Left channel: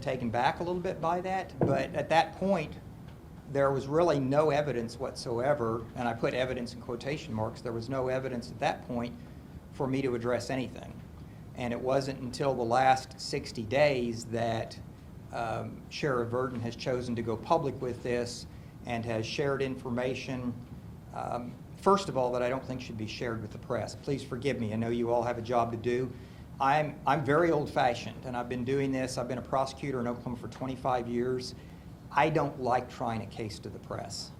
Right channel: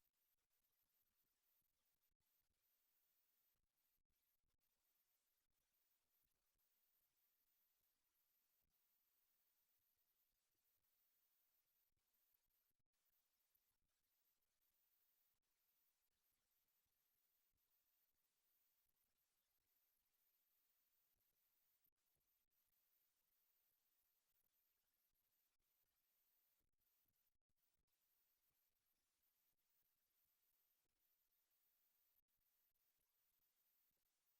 taken back a little bit by that, but at that point, there was really no evidence whatsoever, and I put evidence in quotation marks, there was no evidence at that point for me to address anything. And it wasn't until the last 60 days that Sheriff Verdon has chosen to go public with this and has shared information, first of all, that I don't think should be shared with the press. Please forgive me, I know you all have a job to do. I'm very old-fashioned, and I've been doing this. I've been a prosecutor in Oklahoma for 25 years. I don't like trying a case to the press,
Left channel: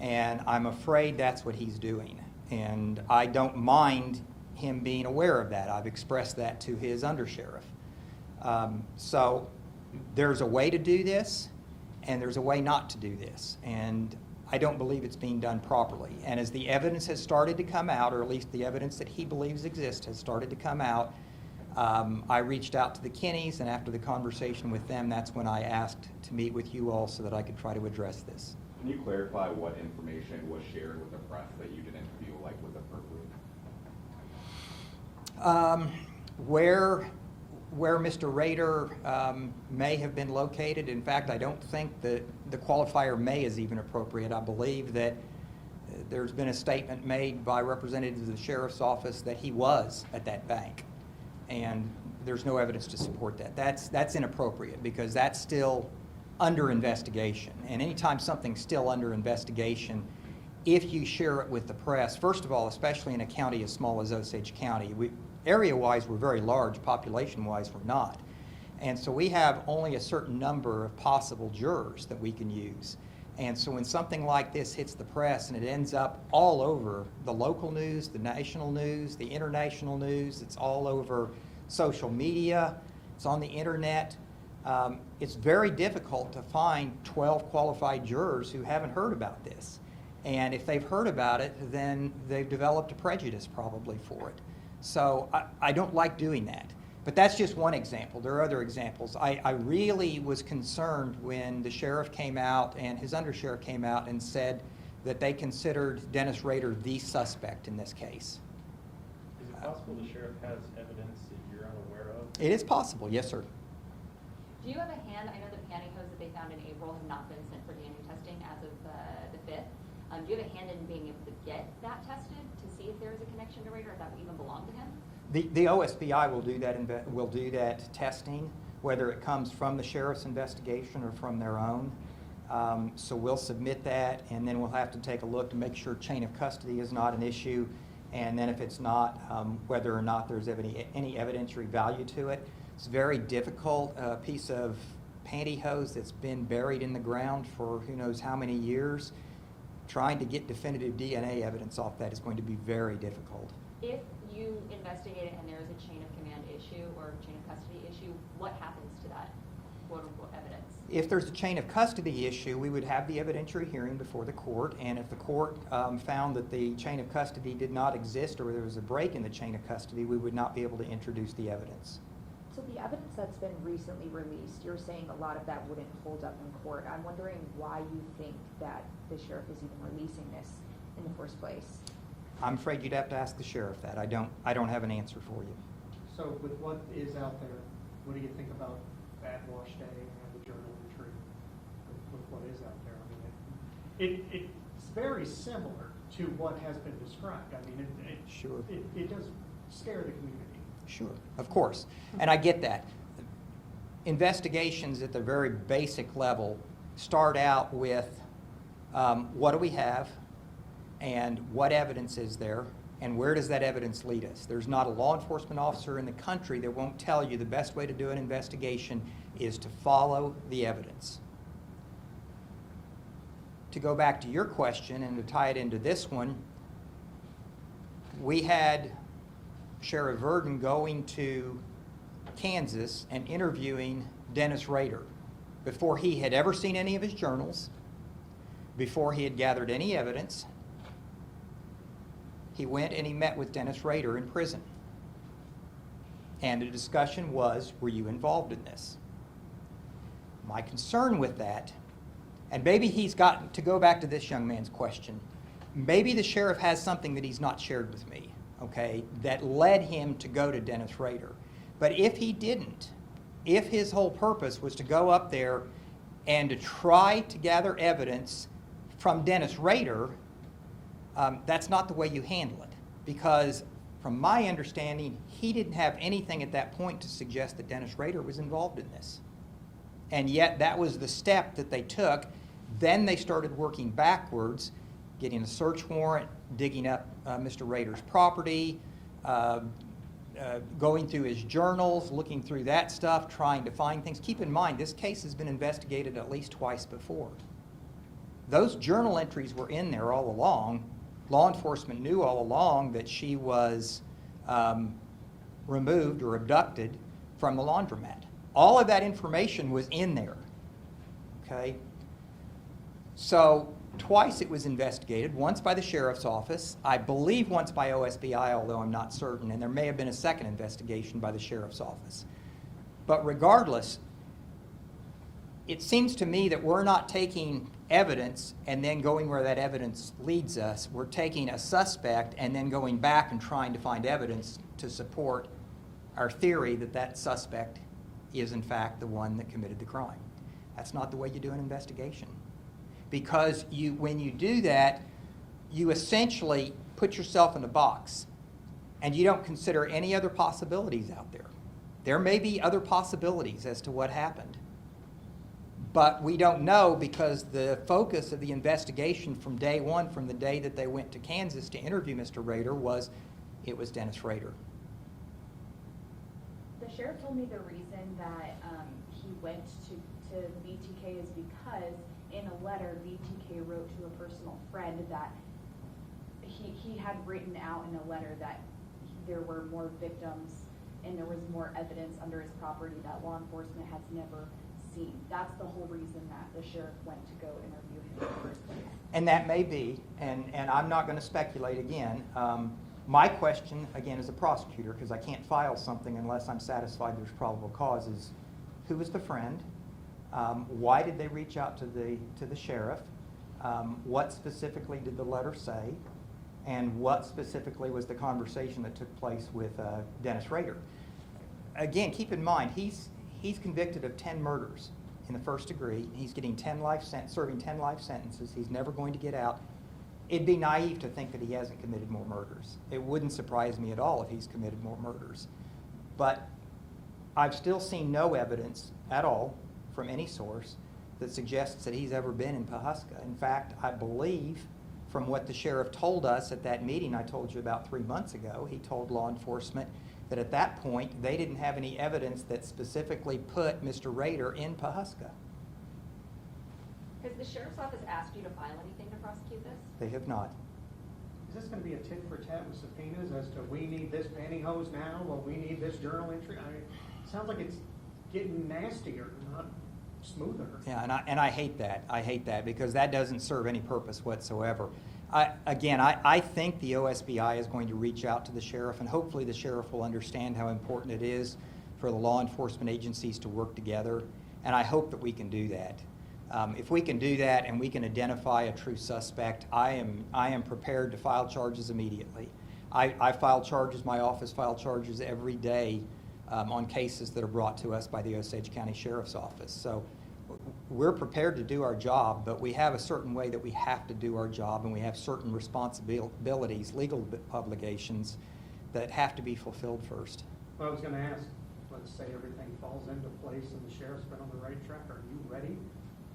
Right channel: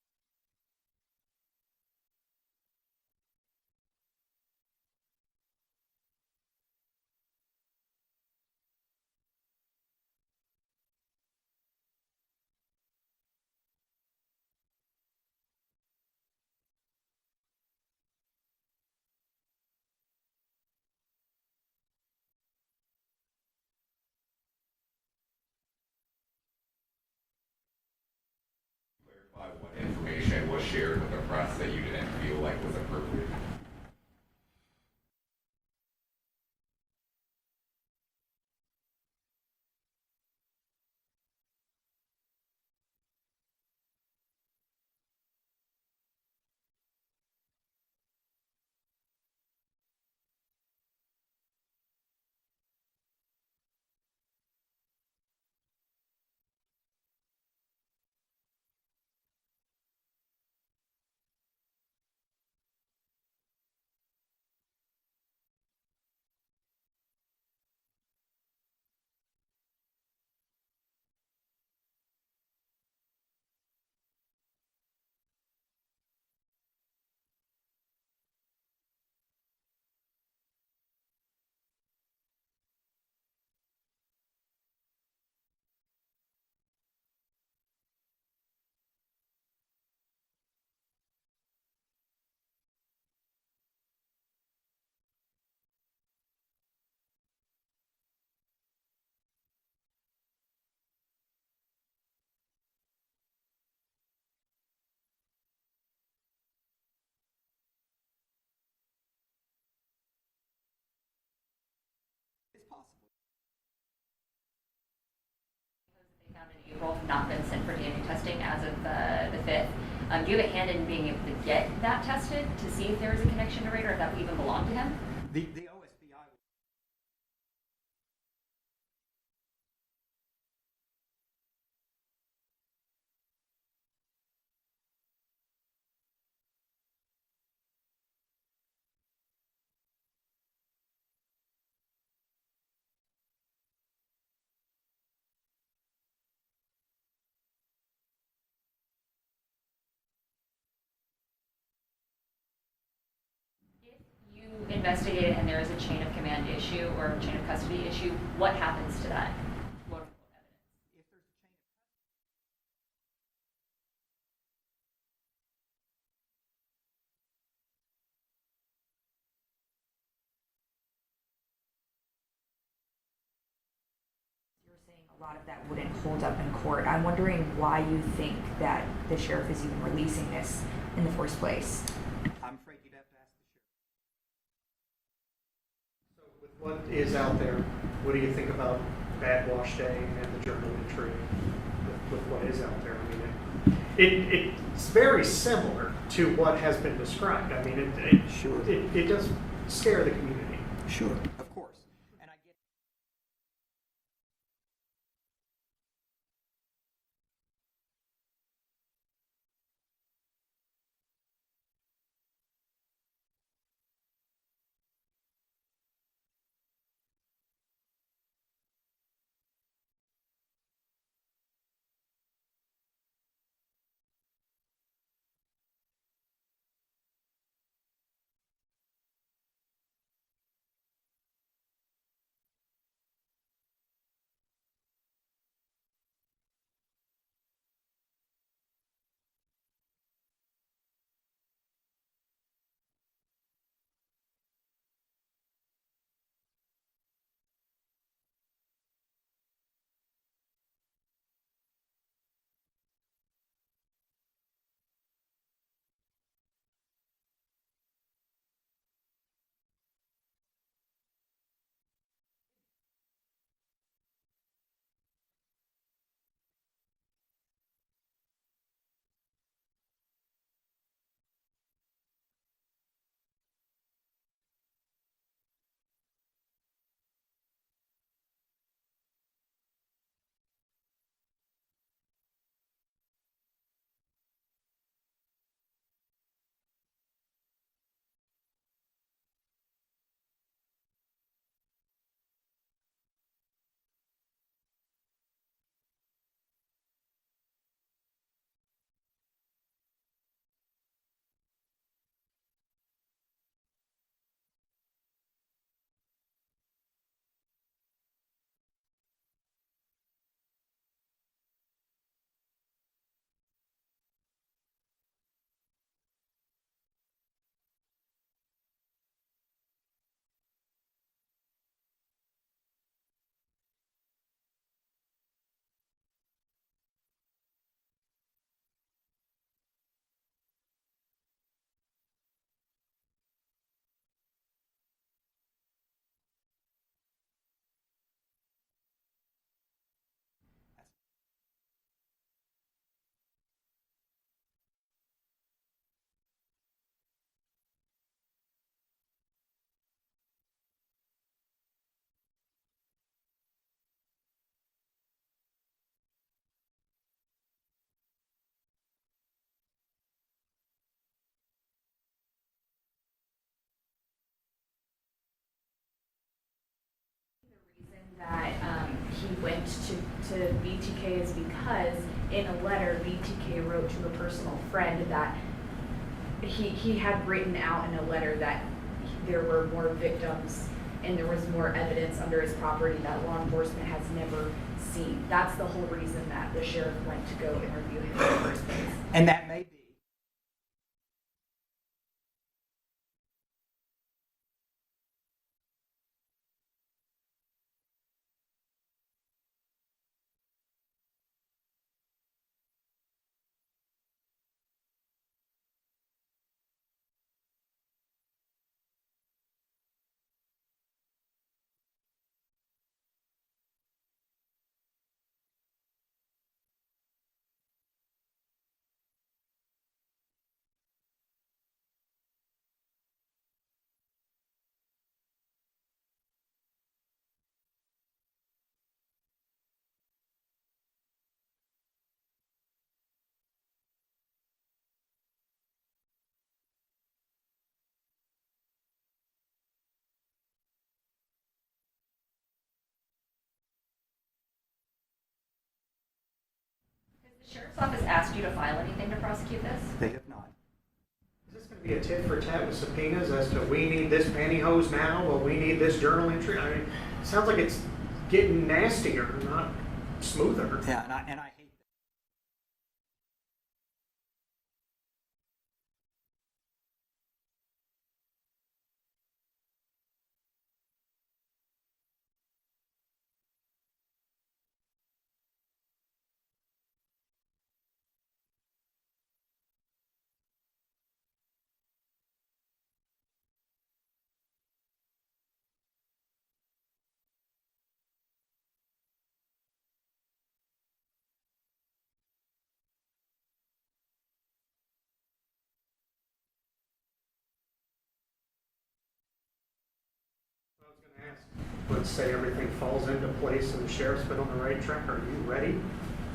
and I'm afraid that's what he's doing. And I don't mind him being aware of that. I've expressed that to his undersheriff. So there's a way to do this, and there's a way not to do this. And I don't believe it's being done properly. And as the evidence has started to come out, or at least the evidence that he believes exists has started to come out, I reached out to the Kinneys, and after the conversation with them, that's when I asked to meet with you all so that I could try to address this. Can you clarify what information was shared with the press that you didn't feel like was appropriate? Where Mr. Rader may have been located. In fact, I don't think that the qualifier may is even appropriate. I believe that there's been a statement made by representatives of the sheriff's office that he was at that bank, and there's no evidence to support that. That's inappropriate because that's still under investigation. And anytime something's still under investigation, if you share it with the press, first of all, especially in a county as small as Osage County, area-wise we're very large, population-wise we're not. And so we have only a certain number of possible jurors that we can use. And so when something like this hits the press and it ends up all over the local news, the national news, the international news, it's all over social media, it's on the internet, it's very difficult to find 12 qualified jurors who haven't heard about this. And if they've heard about it, then they've developed a prejudice probably for it. So I don't like doing that. But that's just one example. There are other examples. I really was concerned when the sheriff came out and his undersheriff came out and said that they considered Dennis Rader the suspect in this case. Is it possible the sheriff has evidence that you're unaware of? It is possible, yes, sir. Do you have a hand? I know the pantyhose that they found in April have not been sent for DNA testing as of the 5th. Do you have a hand in being able to get that tested to see if there is a connection to Rader, if that would even belong to him? The OSBI will do that testing, whether it comes from the sheriff's investigation or from their own. So we'll submit that, and then we'll have to take a look to make sure chain of custody is not an issue, and then if it's not, whether or not there's any evidentiary value to it. It's very difficult, a piece of pantyhose that's been buried in the ground for who knows how many years. Trying to get definitive DNA evidence off that is going to be very difficult. If you investigate it and there is a chain of command issue or chain of custody issue, what happens to that? What evidence? If there's a chain of custody issue, we would have the evidentiary hearing before the court, and if the court found that the chain of custody did not exist or there was a break in the chain of custody, we would not be able to introduce the evidence. So the evidence that's been recently released, you're saying a lot of that wouldn't hold up in court. I'm wondering why you think that the sheriff is even releasing this in the first place. I'm afraid you'd have to ask the sheriff that. I don't have an answer for you. So with what is out there, what do you think about Bad Wash Day and the journal entry with what is out there? I mean, it's very similar to what has been described. I mean, it does scare the community. Sure. Of course. And I get that. Investigations at the very basic level start out with what do we have and what evidence is there and where does that evidence lead us. There's not a law enforcement officer in the country that won't tell you the best way to do an investigation is to follow the evidence. To go back to your question and to tie it into this one, we had Sheriff Verdon going to Kansas and interviewing Dennis Rader before he had ever seen any of his journals, before he had gathered any evidence. He went and he met with Dennis Rader in prison. And the discussion was, were you involved in this? My concern with that, and maybe he's got to go back to this young man's question, maybe the sheriff has something that he's not shared with me, okay, that led him to go to Dennis Rader. But if he didn't, if his whole purpose was to go up there and to try to gather evidence from Dennis Rader, that's not the way you handle it. Because from my understanding, he didn't have anything at that point to suggest that Dennis Rader was involved in this. And yet that was the step that they took. Then they started working backwards, getting a search warrant, digging up Mr. Rader's property, going through his journals, looking through that stuff, trying to find things. Keep in mind, this case has been investigated at least twice before. Those journal entries were in there all along. Law enforcement knew all along that she was removed or abducted from the laundromat. All of that information was in there, okay? So twice it was investigated, once by the sheriff's office, I believe once by OSBI, although I'm not certain, and there may have been a second investigation by the sheriff's office. But regardless, it seems to me that we're not taking evidence and then going where that evidence leads us. We're taking a suspect and then going back and trying to find evidence to support our theory that that suspect is in fact the one that committed the crime. That's not the way you do an investigation. Because when you do that, you essentially put yourself in a box and you don't consider any other possibilities out there. There may be other possibilities as to what happened, but we don't know because the focus of the investigation from day one, from the day that they went to Kansas to interview Mr. Rader, was it was Dennis Rader. The sheriff told me the reason that he went to BTK is because in a letter BTK wrote to a personal friend that he had written out in a letter that there were more victims and there was more evidence under his property that law enforcement has never seen. That's the whole reason that the sheriff went to go interview him in the first place. And that may be, and I'm not going to speculate again. My question, again, as a prosecutor, because I can't file something unless I'm satisfied there's probable cause, is who was the friend? Why did they reach out to the sheriff? What specifically did the letter say? And what specifically was the conversation that took place with Dennis Rader? Again, keep in mind, he's convicted of 10 murders in the first degree. He's getting serving 10 life sentences. He's never going to get out. It'd be naive to think that he hasn't committed more murders. It wouldn't surprise me at all if he's committed more murders. But I've still seen no evidence at all from any source that suggests that he's ever been in Pawhuska. In fact, I believe from what the sheriff told us at that meeting I told you about 3 months ago, he told law enforcement that at that point they didn't have any evidence that specifically put Mr. Rader in Pawhuska. Has the sheriff's office asked you to file anything to prosecute this? They have not. Is this going to be a tit for tat with subpoenas as to we need this pantyhose now, or we need this journal entry? I mean, it sounds like it's getting nastier, not smoother. Yeah, and I hate that. I hate that because that doesn't serve any purpose whatsoever. I think the OSBI is going to reach out to the sheriff, and hopefully the sheriff will understand how important it is for the law enforcement agencies to work together, and I hope that we can do that. If we can do that and we can identify a true suspect, I am prepared to file charges immediately. I file charges, my office file charges every day on cases that are brought to us by the Osage County Sheriff's Office. So we're prepared to do our job, but we have a certain way that we have to do our job, and we have certain responsibilities, legal obligations, that have to be fulfilled first. Well, I was going to ask, let's say everything falls into place and the sheriff's been on the right track. Are you ready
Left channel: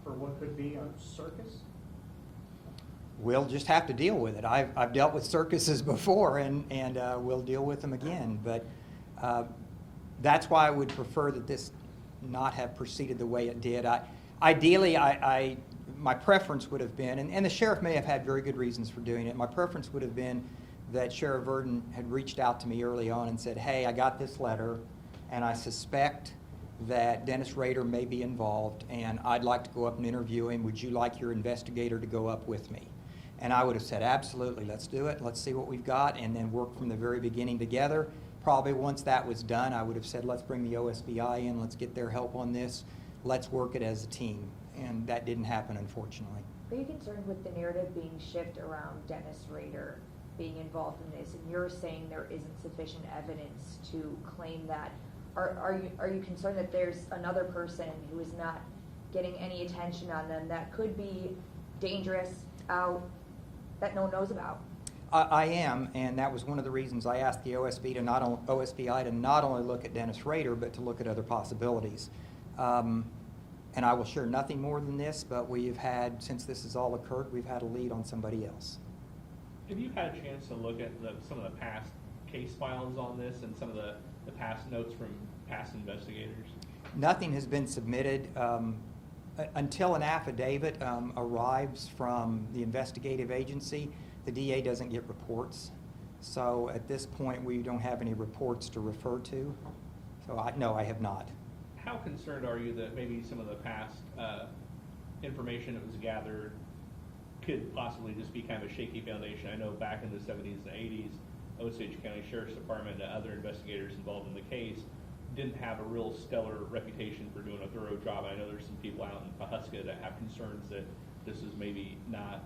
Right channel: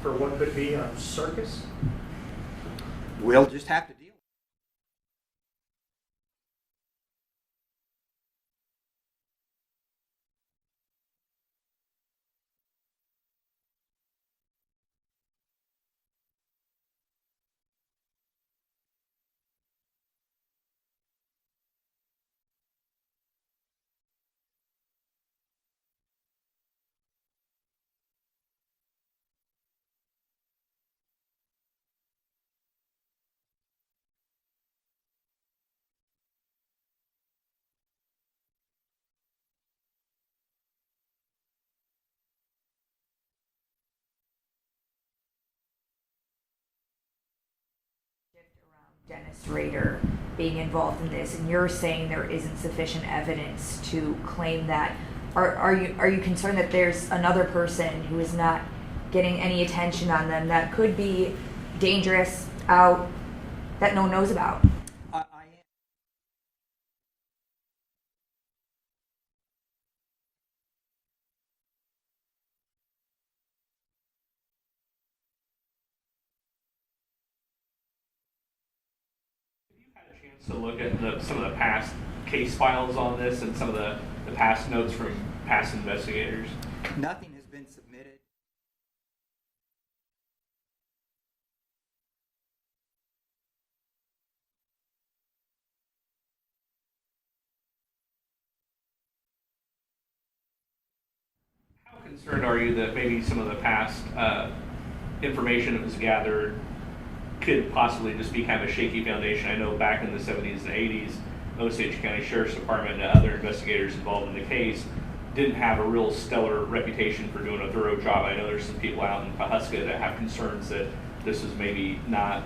for what could be a circus? We'll just have to deal with it. I've dealt with circuses before, and we'll deal with them again. But that's why I would prefer that this not have proceeded the way it did. Ideally, my preference would have been, and the sheriff may have had very good reasons for doing it, my preference would have been that Sheriff Verdon had reached out to me early on and said, hey, I got this letter, and I suspect that Dennis Rader may be involved, and I'd like to go up and interview him. Would you like your investigator to go up with me? And I would have said, absolutely, let's do it. Let's see what we've got, and then work from the very beginning together. Probably once that was done, I would have said, let's bring the OSBI in, let's get their help on this, let's work it as a team. And that didn't happen, unfortunately. Are you concerned with the narrative being shifted around Dennis Rader being involved in this, and you're saying there isn't sufficient evidence to claim that Are you concerned that there's another person who is not getting any attention on them that could be dangerous out that no one knows about? I am, and that was one of the reasons I asked the OSBI to not only look at Dennis Rader, but to look at other possibilities. And I will share nothing more than this, but we've had, since this has all occurred, we've had a lead on somebody else. Have you had a chance to look at some of the past case files on this and some of the past notes from past investigators? Nothing has been submitted. Until an affidavit arrives from the investigative agency, the DA doesn't get reports. So at this point, we don't have any reports to refer to. So no, I have not. How concerned are you that maybe some of the past information that was gathered could possibly just be kind of a shaky foundation? I know back in the 70s and 80s, Osage County Sheriff's Department and other investigators involved in the case didn't have a real stellar reputation for doing a thorough job. I know there's some people out in Pahuska that have concerns that this is maybe not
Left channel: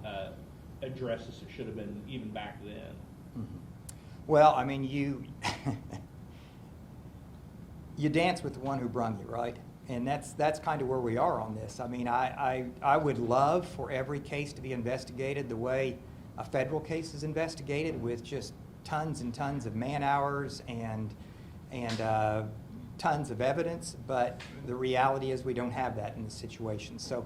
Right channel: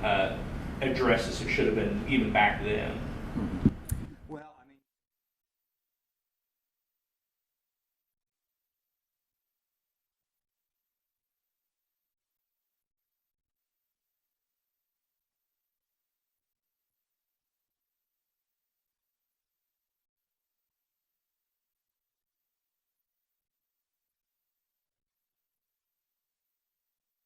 addressed as it should have been even back then. Mm-hmm. Well, I mean, you dance with the one who brung you, right? And that's kind of where we are on this. I mean, I would love for every case to be investigated the way a federal case is investigated, with just tons and tons of man hours and tons of evidence, but the reality is we don't have that in this situation. So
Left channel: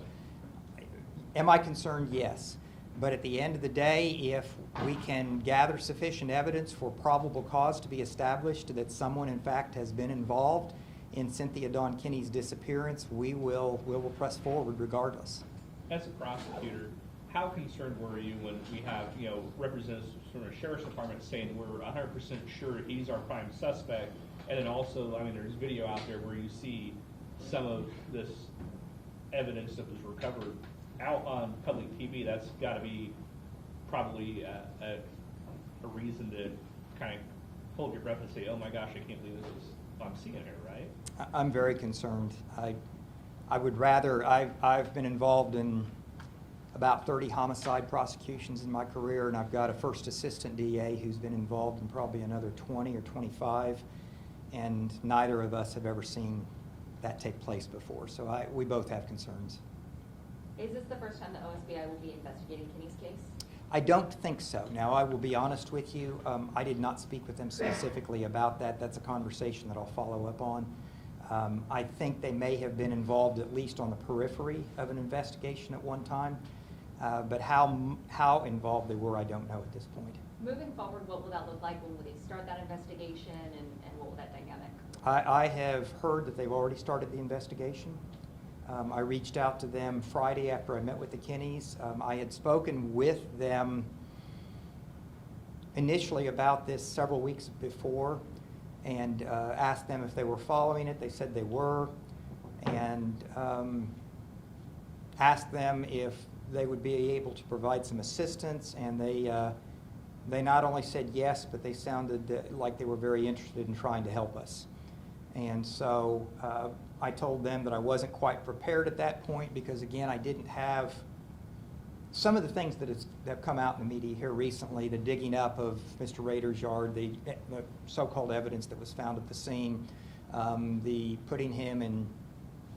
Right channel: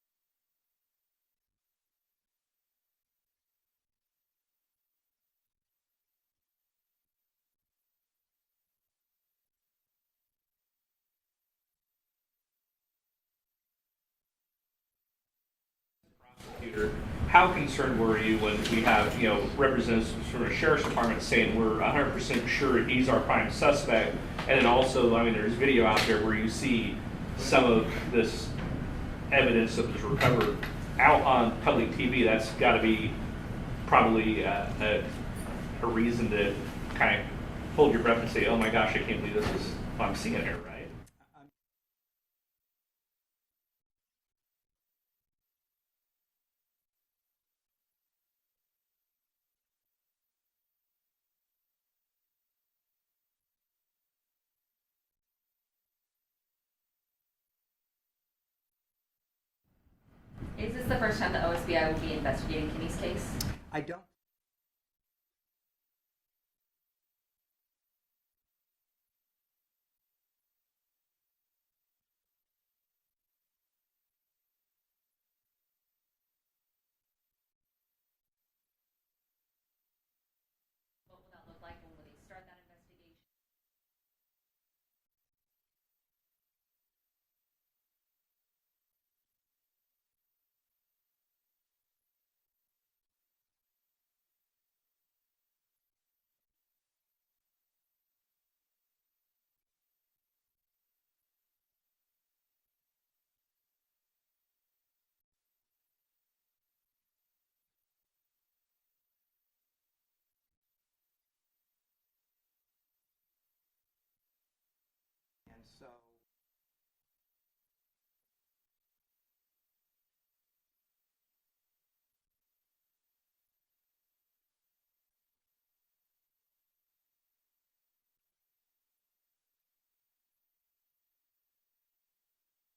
am I concerned? Yes. But at the end of the day, if we can gather sufficient evidence for probable cause to be established that someone in fact has been involved in Cynthia Dawn Kinney's disappearance, we will press forward regardless. As a prosecutor, how concerned were you when we have, representatives from the Sheriff's Department saying we're 100% sure he's our prime suspect, and then also, I mean, there's video out there where you see some of this evidence that was recovered out on public TV. That's got to be probably a reason to kind of hold your breath and say, oh my gosh, I can't believe this is what I'm seeing here, right? I'm very concerned. I would rather, I've been involved in about 30 homicide prosecutions in my career, and I've got a first assistant DA who's been involved in probably another 20 or 25, and neither of us have ever seen that take place before. So we both have concerns. Is this the first time the OSBI will be investigating Kinney's case? I don't think so. Now, I will be honest with you, I did not speak with them specifically about that. That's a conversation that I'll follow up on. I think they may have been involved at least on the periphery of an investigation at one time, but how involved they were, I don't know at this point. Moving forward, what will that look like? When will they start that investigation, and what will that dynamic? I have heard that they've already started the investigation. I reached out to them Friday after I met with the Kinneys. I had spoken with them initially about this several weeks before, and asked them if they were following it. They said they were, and asked them if they would be able to provide some assistance, and they not only said yes, but they sounded like they were very interested in trying to help us. And so I told them that I wasn't quite prepared at that point because, again, I didn't have some of the things that have come out in the media here recently, the digging up of Mr. Rader's yard, the so-called evidence that was found at the scene, the putting him in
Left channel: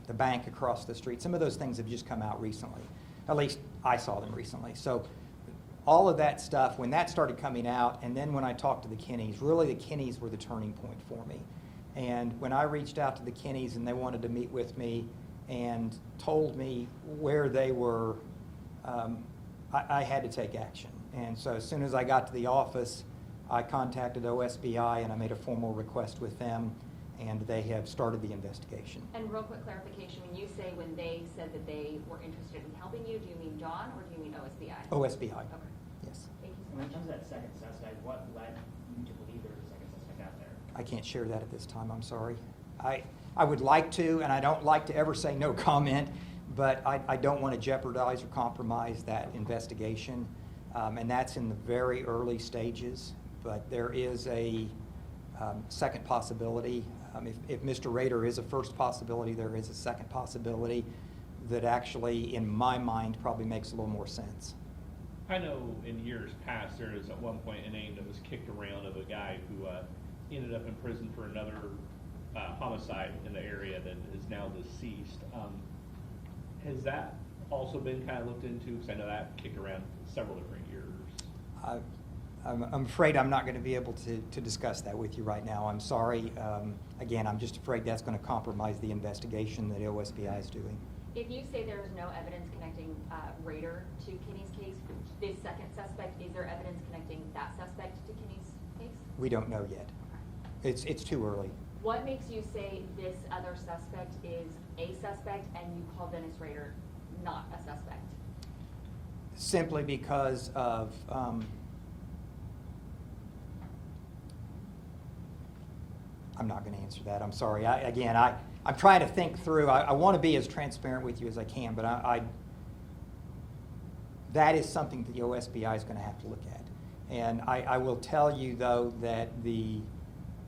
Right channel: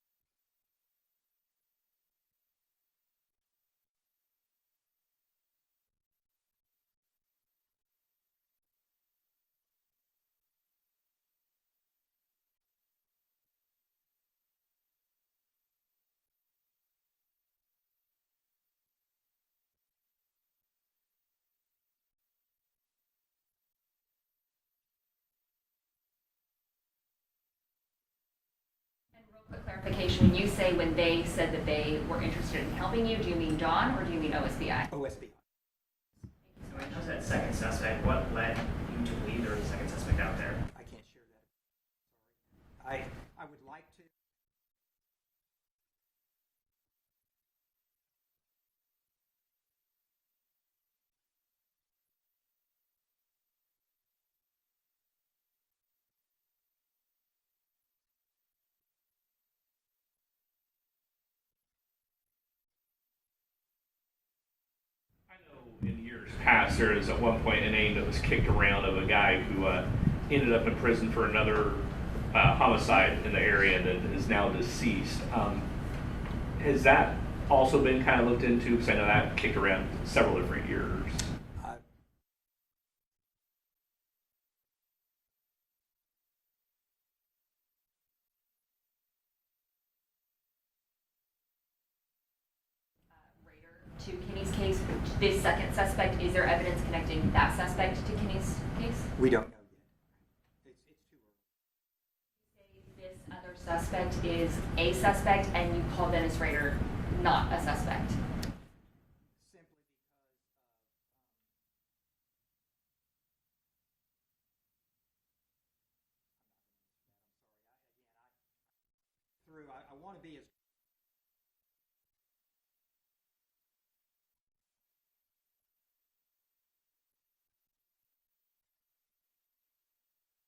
the bank across the street. Some of those things have just come out recently. At least I saw them recently. So all of that stuff, when that started coming out, and then when I talked to the Kinneys, really the Kinneys were the turning point for me. And when I reached out to the Kinneys and they wanted to meet with me and told me where they were, I had to take action. And so as soon as I got to the office, I contacted OSBI and I made a formal request with them, and they have started the investigation. And real quick clarification, when you say when they said that they were interested in helping you, do you mean Dawn or do you mean OSBI? OSBI. Okay. Yes. Thank you so When much. it comes to that second suspect, what led you to believe there was a second suspect out there? I can't share that at this time, I'm sorry. I would like to, and I don't like to ever say no comment, but I don't want to jeopardize or compromise that investigation. And that's in the very early stages, but there is a second possibility. If Mr. Rader is a first possibility, there is a second possibility that actually, in my mind, probably makes a little more sense. I know in years past there was at one point a name that was kicked around of a guy who ended up in prison for another homicide in the area that is now deceased. Has that also been kind of looked into? Because I know that kicked around several different years. I'm afraid I'm not going to be able to discuss that with you right now. I'm sorry. Again, I'm just afraid that's going to compromise the investigation that OSBI is doing. If you say there is no evidence connecting Rader to Kinney's case, this second suspect, is there evidence connecting that suspect to Kinney's case? We don't know yet. It's too early. What makes you say this other suspect is a suspect and you call Dennis Rader not a suspect? Simply because of I'm not going to answer that. I'm sorry. I'm trying to think through. I want to be as transparent with you as I can, but that is something that the OSBI is going to have to look at. And I will tell you, though, that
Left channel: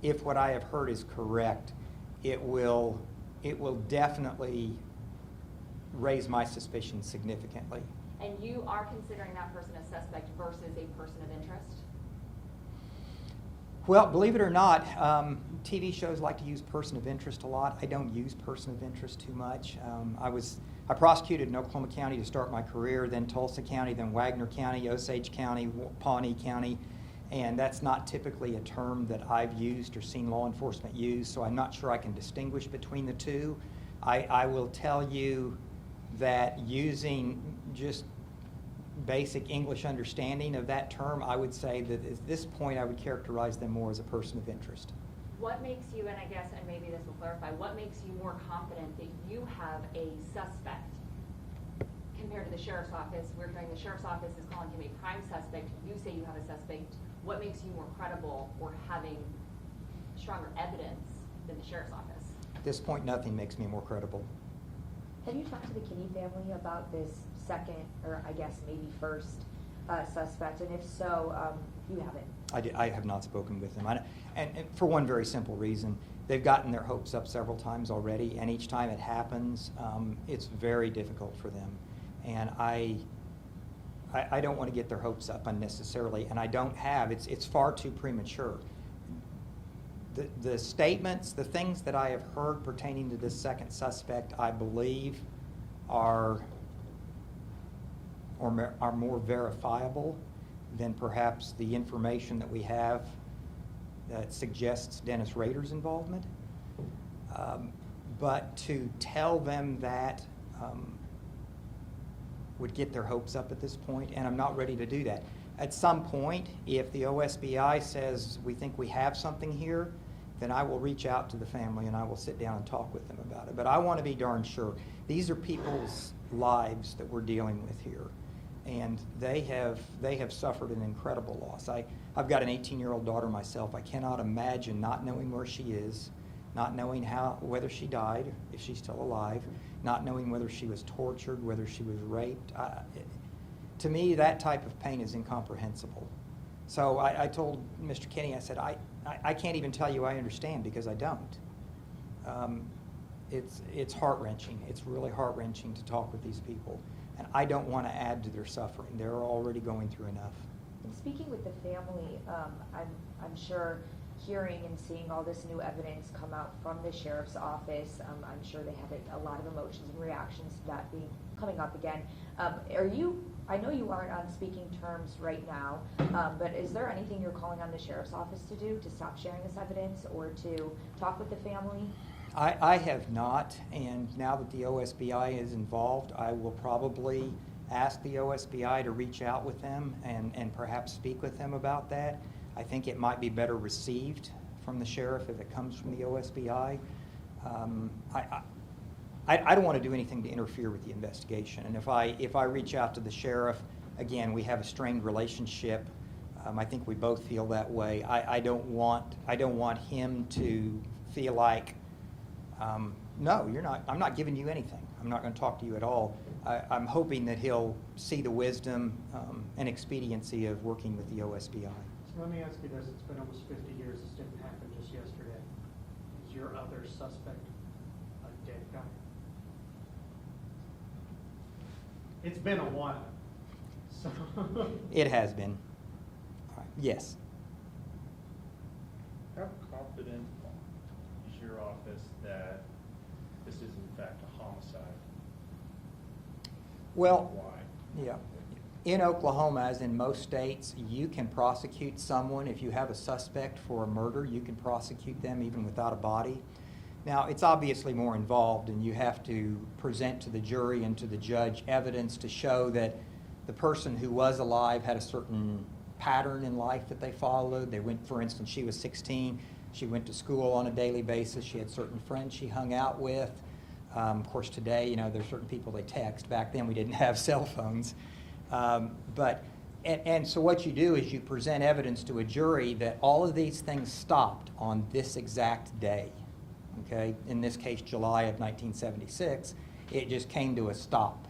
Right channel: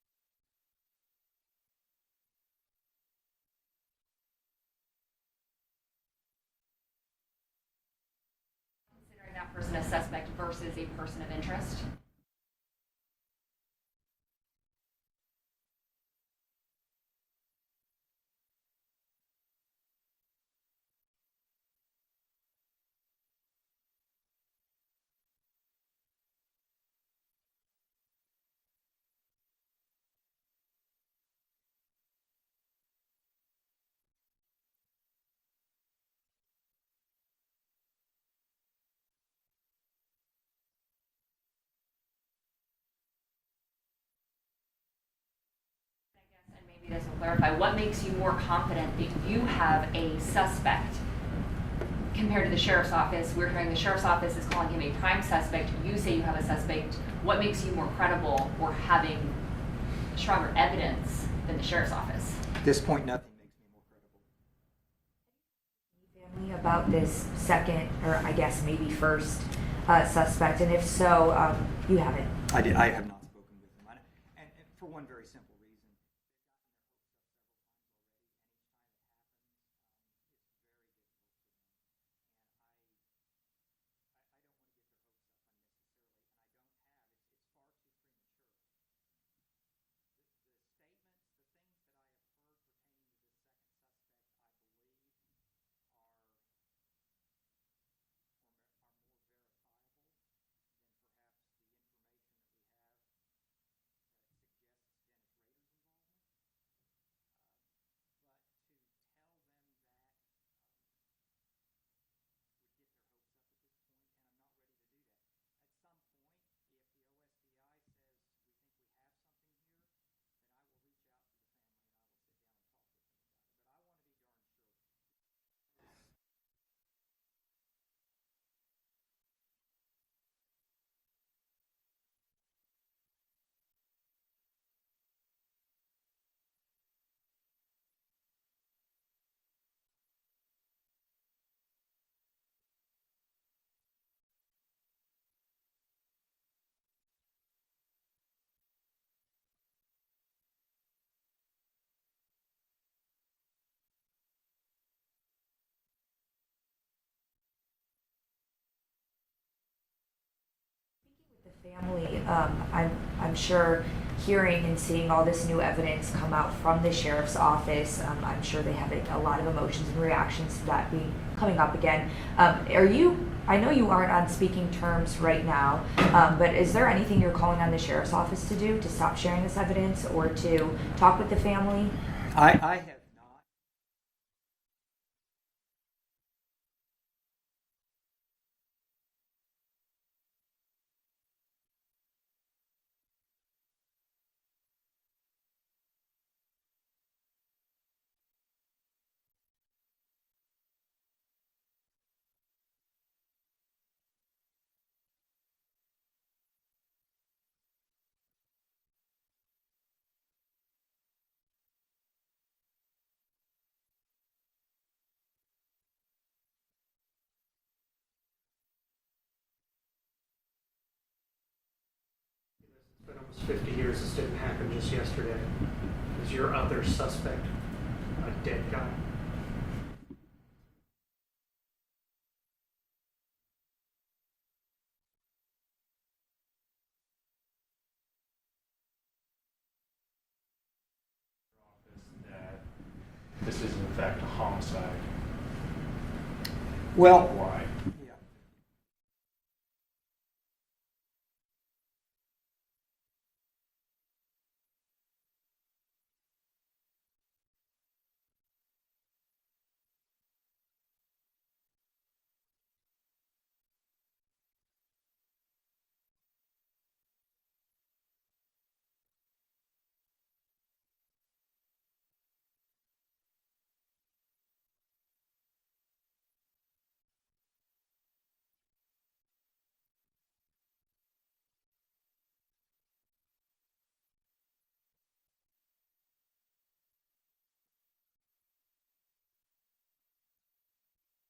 if what I have heard is correct, it will definitely raise my suspicions significantly. And you are considering that person a suspect versus a person of interest? Well, believe it or not, TV shows like to use person of interest a lot. I don't use person of interest too much. I prosecuted in Oklahoma County to start my career, then Tulsa County, then Wagner County, Osage County, Pawnee County, and that's not typically a term that I've used or seen law enforcement use, so I'm not sure I can distinguish between the two. I will tell you that using just basic English understanding of that term, I would say that at this point I would characterize them more as a person of interest. What makes you, and I guess, and maybe this will clarify, what makes you more confident that you have a suspect compared to the sheriff's office? We're hearing the sheriff's office is calling him a prime suspect. You say you have a suspect. What makes you more credible or having stronger evidence than the sheriff's office? At this point, nothing makes me more credible. Have you talked to the Kinney family about this second, or I guess maybe first suspect? And if so, you haven't? I have not spoken with them. And for one very simple reason. They've gotten their hopes up several times already, and each time it happens, it's very difficult for them. And I don't want to get their hopes up unnecessarily, and I don't have. It's far too premature. The statements, the things that I have heard pertaining to this second suspect, I believe are more verifiable than perhaps the information that we have that suggests Dennis Rader's involvement. But to tell them that would get their hopes up at this point, and I'm not ready to do that. At some point, if the OSBI says we think we have something here, then I will reach out to the family and I will sit down and talk with them about it. But I want to be darn sure. These are people's lives that we're dealing with here, and they have suffered an incredible loss. I've got an 18-year-old daughter myself. I cannot imagine not knowing where she is, not knowing whether she died, if she's still alive, not knowing whether she was tortured, whether she was raped. To me, that type of pain is incomprehensible. So I told Mr. Kinney, I said, I can't even tell you I understand because I don't. It's heart-wrenching. It's really heart-wrenching to talk with these people. And I don't want to add to their suffering. They're already going through enough. And speaking with the family, I'm sure hearing and seeing all this new evidence come out from the sheriff's office, I'm sure they have a lot of emotions and reactions to that coming up again. I know you aren't on speaking terms right now, but is there anything you're calling on the sheriff's office to do to stop sharing this evidence or to talk with the family? I have not, and now that the OSBI is involved, I will probably ask the OSBI to reach out with them and perhaps speak with them about that. I think it might be better received from the sheriff if it comes from the OSBI. I don't want to do anything to interfere with the investigation, and if I reach out to the sheriff, again, we have a strained relationship. I think we both feel that way. I don't want him to feel like, no, you're not. I'm not giving you anything. I'm not going to talk to you at all. I'm hoping that he'll see the wisdom and expediency of working with the OSBI. So let me ask you this, it's been almost 50 years, this didn't happen just yesterday. Is your other suspect a dead guy? It's been a while. So It has been. All right. Yes. How confident is your office this is in fact a homicide. Well, Why? yeah. In Oklahoma, as in most states, you can prosecute someone if you have a suspect for a murder. You can prosecute them even without a body. Now, it's obviously more involved, and you have to present to the jury and to the judge evidence to show that the person who was alive had a certain pattern in life that they followed. They went, for instance, she was 16. She went to school on a daily basis. She had certain friends she hung out with. Of course, today, there's certain people they text. Back then, we didn't have cell phones. So what you do is you present evidence to a jury that all of these things stopped on this exact day. Okay? In this case, July of 1976, it just came to a stop.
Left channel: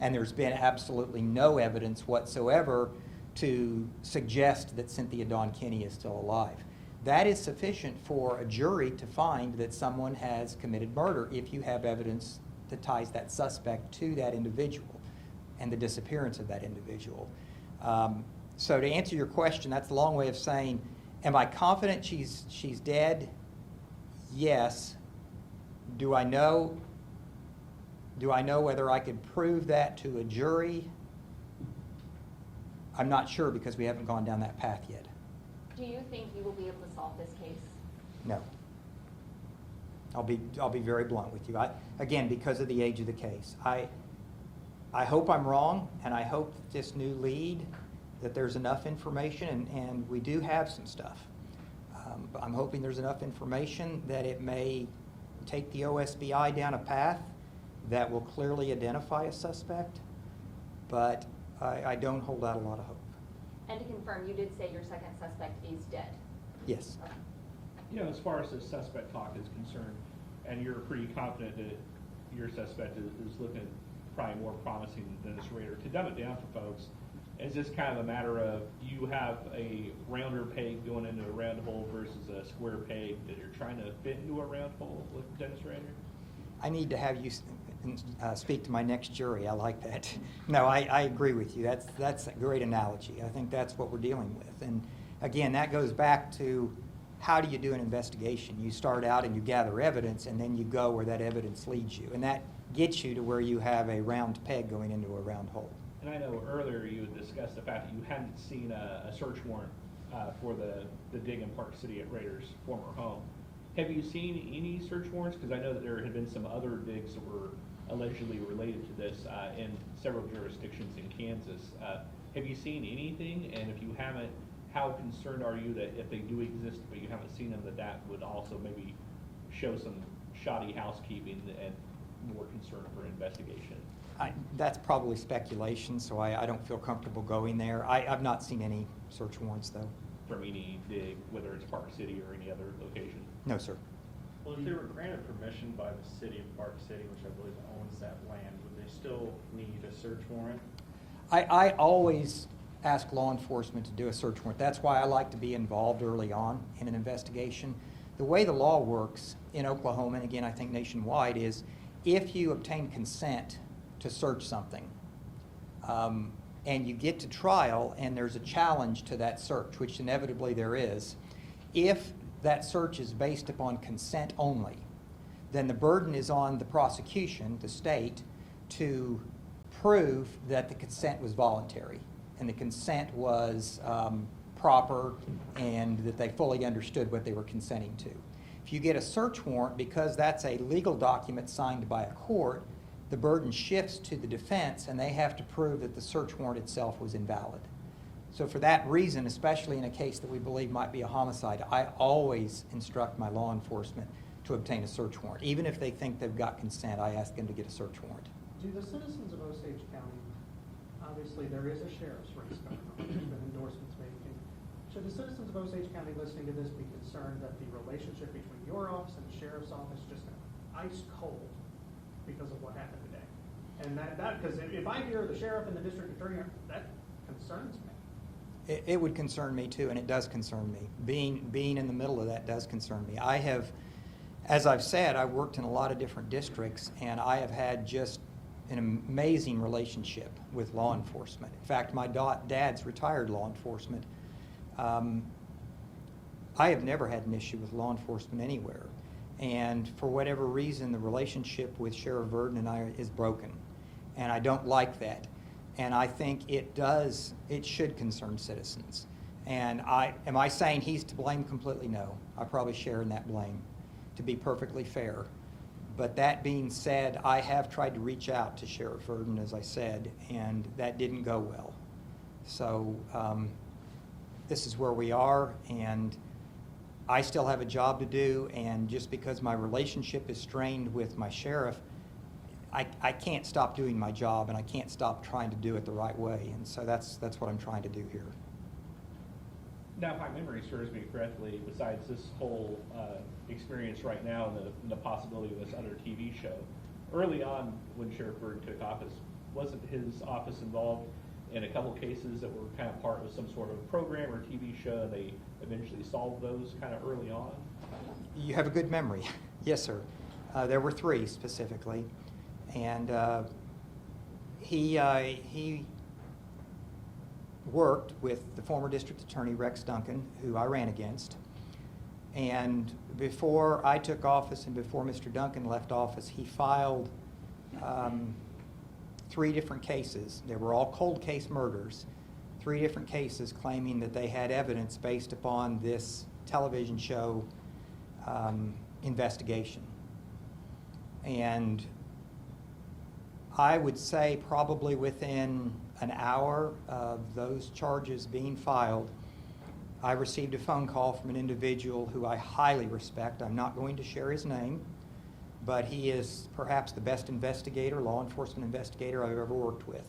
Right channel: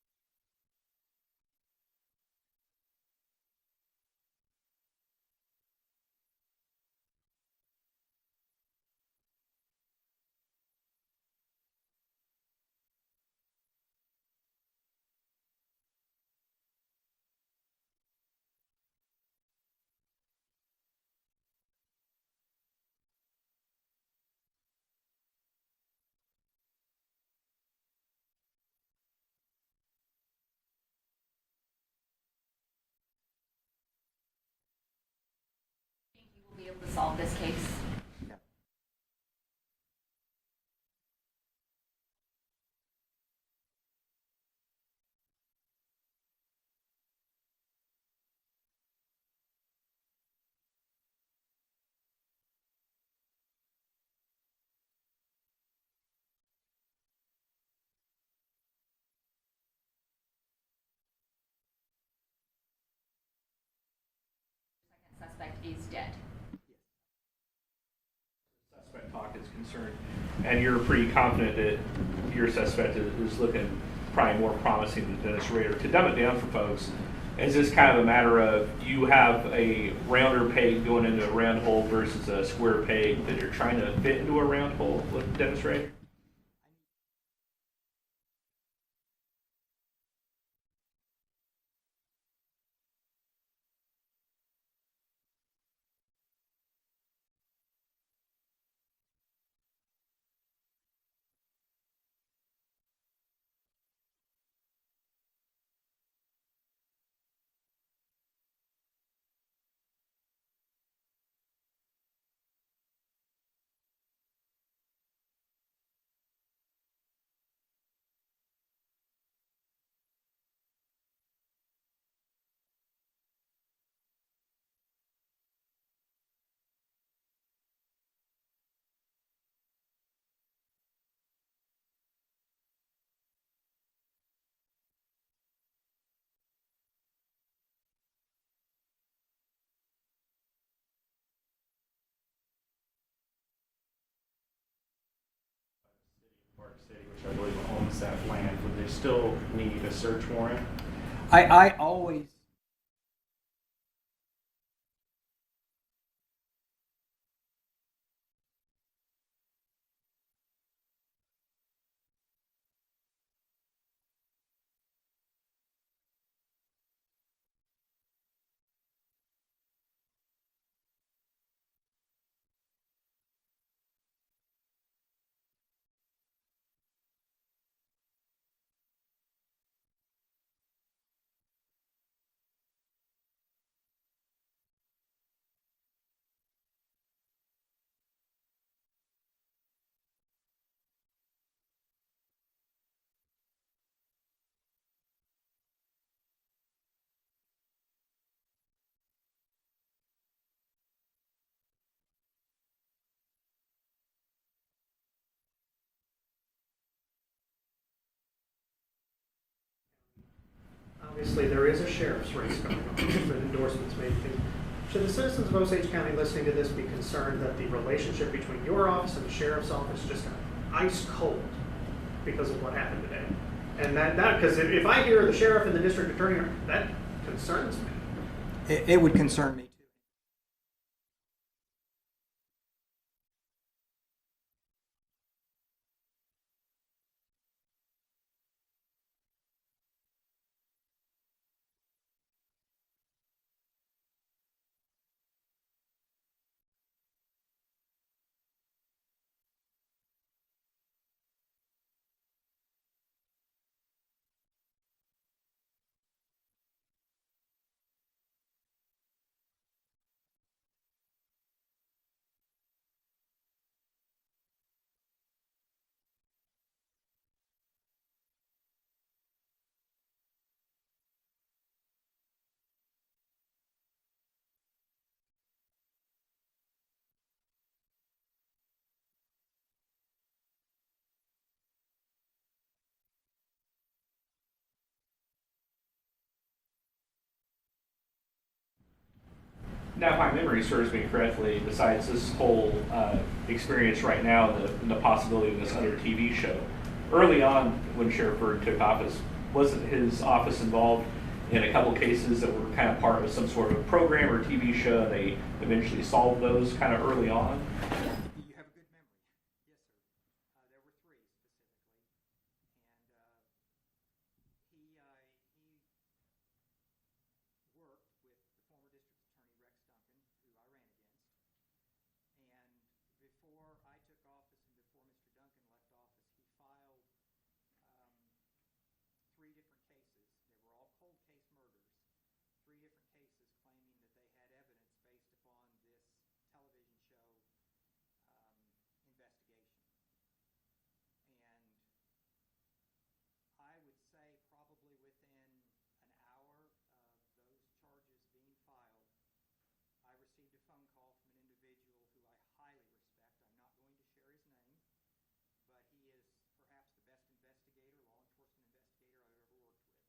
And there's been absolutely no evidence whatsoever to suggest that Cynthia Dawn Kinney is still alive. That is sufficient for a jury to find that someone has committed murder if you have evidence that ties that suspect to that individual and the disappearance of that individual. So to answer your question, that's a long way of saying, am I confident she's dead? Yes. Do I know whether I could prove that to a jury? I'm not sure because we haven't gone down that path yet. Do you think you will be able to solve this case? No. I'll be very blunt with you. Again, because of the age of the case. I hope I'm wrong, and I hope this new lead that there's enough information, and we do have some stuff. But I'm hoping there's enough information that it may take the OSBI down a path that will clearly identify a suspect, but I don't hold out a lot of hope. And to confirm, you did say your second suspect is dead. Yes. As far as the suspect talk is concerned, and you're pretty confident that your suspect is looking probably more promising than Dennis Rader. To dumb it down for folks, is this kind of a matter of you have a rounder peg going into a round hole versus a square peg that you're trying to fit into a round hole with Dennis Rader? I need to have you speak to my next jury. I like that. No, I agree with you. That's a great analogy. I think that's what we're dealing with. And again, that goes back to how do you do an investigation? You start out and you gather evidence, and then you go where that evidence leads you. And that gets you to where you have a round peg going into a round hole. And I know earlier you had discussed the fact that you hadn't seen a search warrant for the dig in Park City at Rader's former home. Have you seen any search warrants? Because I know that there had been some other digs that were allegedly related to this in several jurisdictions in Kansas. Have you seen anything? And if you haven't, how concerned are you that if they do exist but you haven't seen them, that would also maybe show some shoddy housekeeping and more concern for investigation? That's probably speculation, so I don't feel comfortable going there. I've not seen any search warrants, though. From any dig, whether it's Park City or any other location? No, sir. Well, if they were granted permission by the city of Park City, which I believe owns that land, would they still need a search warrant? I always ask law enforcement to do a search warrant. That's why I like to be involved early on in an investigation. The way the law works in Oklahoma, and again I think nationwide, is if you obtain consent to search something, and you get to trial and there's a challenge to that search, which inevitably there is, if that search is based upon consent only, then the burden is on the prosecution, the state, to prove that the consent was voluntary and the consent was proper and that they fully understood what they were consenting to. If you get a search warrant, because that's a legal document signed by a court, the burden shifts to the defense and they have to prove that the search warrant itself was invalid. So for that reason, especially in a case that we believe might be a homicide, I always instruct my law enforcement to obtain a search warrant. Even if they think they've got consent, I ask them to get a search warrant. Do the citizens of Osage County, obviously there is a sheriff's race going on, there's been endorsements made. Should the citizens of Osage County listening to this be concerned that the relationship between your office and the sheriff's office just got ice cold because of what happened today? And that because if I hear the sheriff and the district attorney, that concerns me. It would concern me too, and it does concern me. Being in the middle of that does concern me. I have, as I've said, I've worked in a lot of different districts, and I have had just an amazing relationship with law enforcement. In fact, my dad's retired law enforcement. I have never had an issue with law enforcement anywhere. And for whatever reason, the relationship with Sheriff Verdon and I is broken. And I don't like that. And I think it should concern citizens. And am I saying he's to blame completely? No. I probably share in that blame, to be perfectly fair. But that being said, I have tried to reach out to Sheriff Verdon, as I said, and that didn't go well. So this is where we are, and I still have a job to do, and just because my relationship is strained with my sheriff, I can't stop doing my job, and I can't stop trying to do it the right way. And so that's what I'm trying to do here. Now, if my memory serves me correctly, besides this whole experience right now and the possibility of this other TV show, early on when Sheriff Verdon took office, wasn't his office involved in a couple cases that were kind of part of some sort of program or TV show, and they eventually solved those kind of early on? You have a good memory. Yes, sir. There were 3 specifically. And he worked with the former district attorney, Rex Duncan, who I ran against. And before I took office and before Mr. Duncan left office, he filed 3 different cases. They were all cold case murders. 3 different cases claiming that they had evidence based upon this television show investigation. And I would say probably within an hour of those charges being filed, I received a phone call from an individual who I highly respect. I'm not going to share his name, but he is perhaps the best investigator, law enforcement investigator I've ever worked with.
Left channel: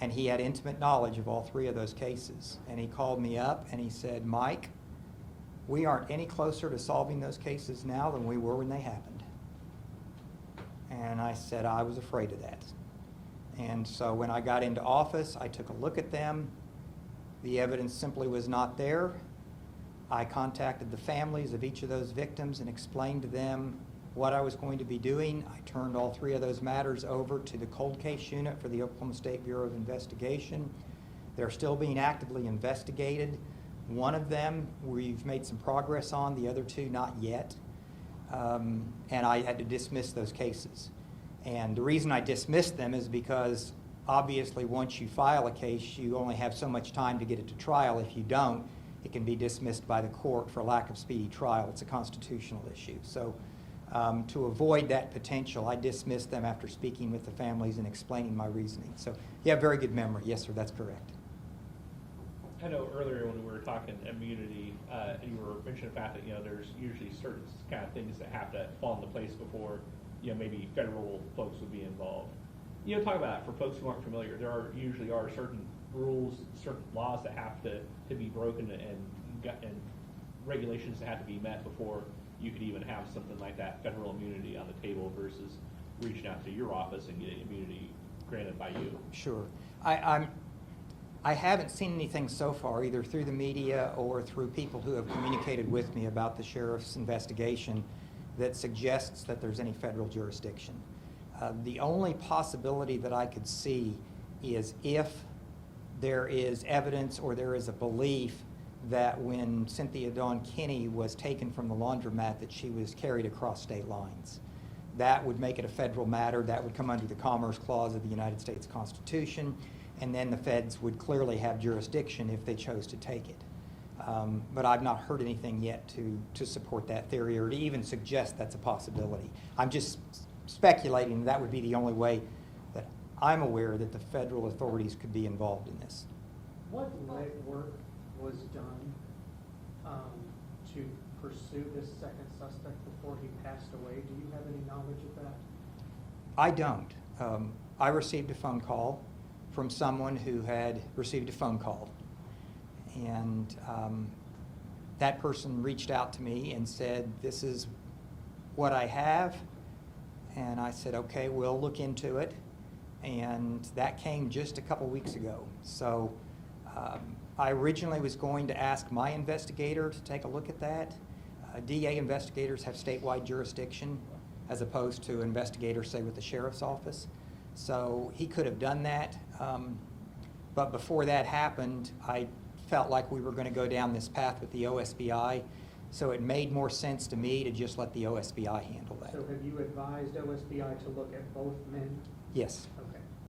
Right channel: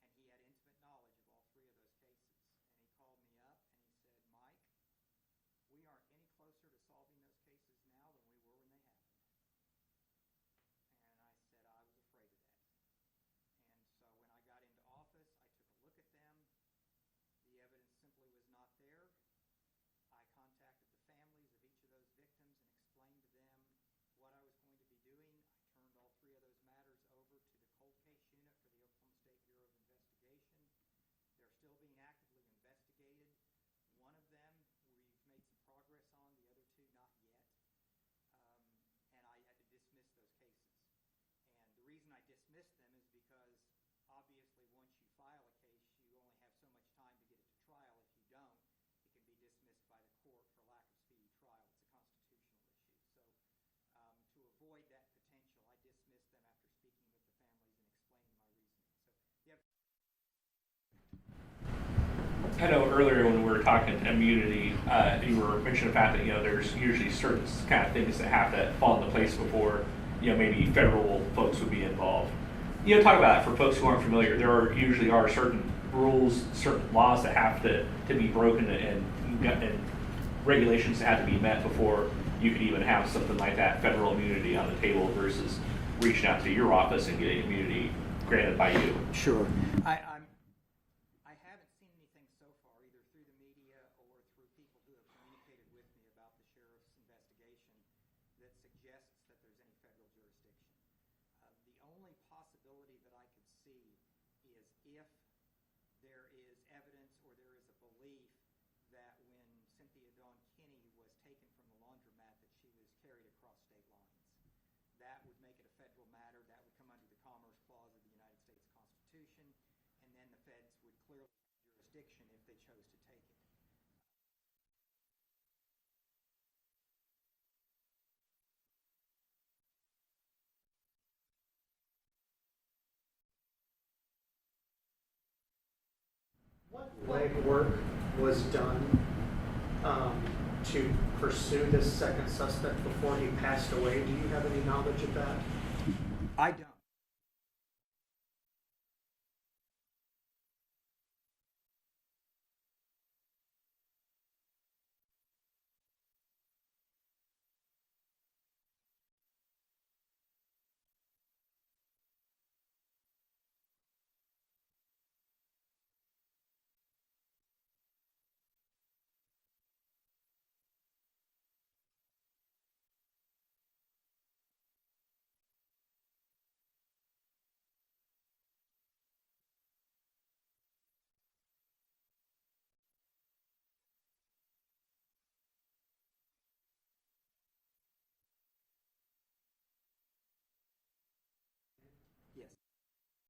And he had intimate knowledge of all 3 of those cases. And he called me up and he said, "Mike, we aren't any closer to solving those cases now than we were when they happened." And I said I was afraid of that. And so when I got into office, I took a look at them. The evidence simply was not there. I contacted the families of each of those victims and explained to them what I was going to be doing. I turned all 3 of those matters over to the cold case unit for the Oklahoma State Bureau of Investigation. They're still being actively investigated. One of them we've made some progress on, the other 2 not yet. And I had to dismiss those cases. And the reason I dismissed them is because obviously once you file a case, you only have so much time to get it to trial. If you don't, it can be dismissed by the court for lack of speedy trial. It's a constitutional issue. So to avoid that potential, I dismissed them after speaking with the families and explaining my reasoning. So you have very good memory. Yes, sir, that's correct. I know earlier when we were talking immunity, you were mentioning the fact that, there's usually certain kind of things that have to fall into place before, maybe federal folks would be involved. Talk about it for folks who aren't familiar. There usually are certain rules, certain laws that have to be broken and regulations that have to be met before you could even have something like that, federal immunity on the table versus reaching out to your office and getting immunity granted by you. Sure. I haven't seen anything so far, either through the media or through people who have communicated with me about the sheriff's investigation, that suggests that there's any federal jurisdiction. The only possibility that I could see is if there is evidence or there is a belief that when Cynthia Kinney was taken from the laundromat that she was carried across state lines. That would make it a federal matter. That would come under the Commerce Clause of the United States Constitution, and then the feds would clearly have jurisdiction if they chose to take it. But I've not heard anything yet to support that theory or to even suggest that's a possibility. I'm just speculating that would be the only way that I'm aware that the federal authorities could be involved in this. What legwork was done to pursue this second suspect before he passed away? Do you have any knowledge of that? I don't. I received a phone call from someone who had received a phone call. And that person reached out to me and said, "This is what I have." And I said, "Okay, we'll look into it." And that came just a couple weeks ago. So I originally was going to ask my investigator to take a look at that. DA investigators have statewide jurisdiction as opposed to investigators, say, with the sheriff's office. So he could have done that. But before that happened, I felt like we were going to go down this path with the OSBI So it made more sense to me to just let the OSBI handle that. So have you advised OSBI to look at both men? Yes.